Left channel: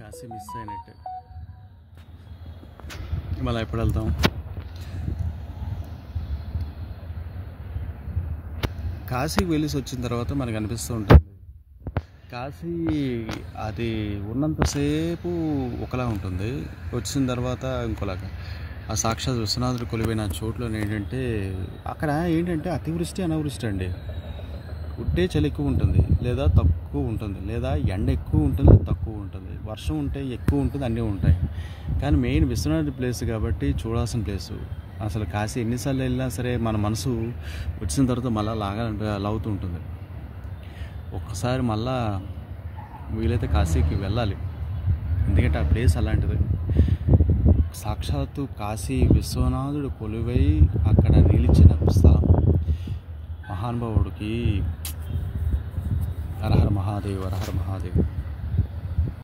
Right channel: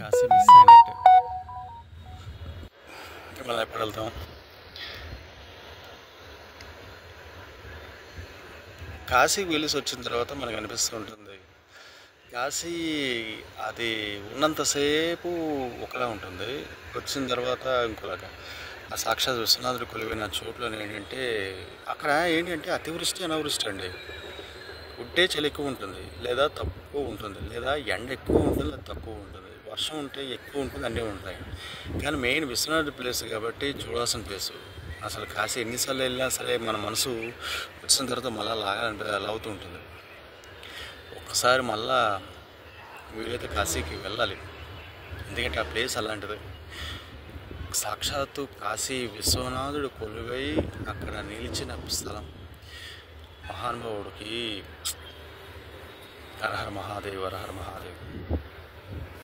Kashi miss అయినట్టు. మళ్ళీ ఎప్పుడు వెళ్తాం? కాశీకి వెళ్ళేసి వచ్చిన తర్వాత మనకు అనిపిస్తూ ఉంటుంది, కాశీ అది ఉన్నంతసేపు ఒకలా ఉంటుంది, వచ్చిన తర్వాత ఇంకోలాగా. ఆ సాక్షాత్ విశ్వనాథుడు కొలువైన చోట్ల ఏంటంటే అక్కడ ఏంటంటే అతివృష్టి అనావృష్టి అండి. ఉంటే చలి ఎక్కువ ఉంటుంది, లేదా తక్కువ ఉంటుంది, లేదా ఎండ ఎక్కువ ఉంటుంది, తక్కువ ఉంటుంది, వర్షం ఉంటే ఎక్కువ ఉంటుంది, అన్నీ ఉంటాయి. కానీ మెయిన్ విశ్వనాథుడి ప్లేస్ కాబట్టి చూడాల్సిన ప్లేసు. అసలు కాశీ ఎన్నిసార్లు వెళ్ళినా సరే మన మనసు వచ్చిన తర్వాత మళ్ళీ లాగుతూ ఉంటుంది. ఒక్కసారి మళ్ళా వీలైతే కాశీకి వెళ్ళాలి, ఎందుకంటే ఆ ప్లేస్ అలాంటిది. సాక్షాత్తు కాశీ విశ్వనాథుడు కొలువై అక్కడ నిలిచిన స్థలం. మహానుభావుడికి హరహర మహాదేవ్, హరహర మహాదేవ్.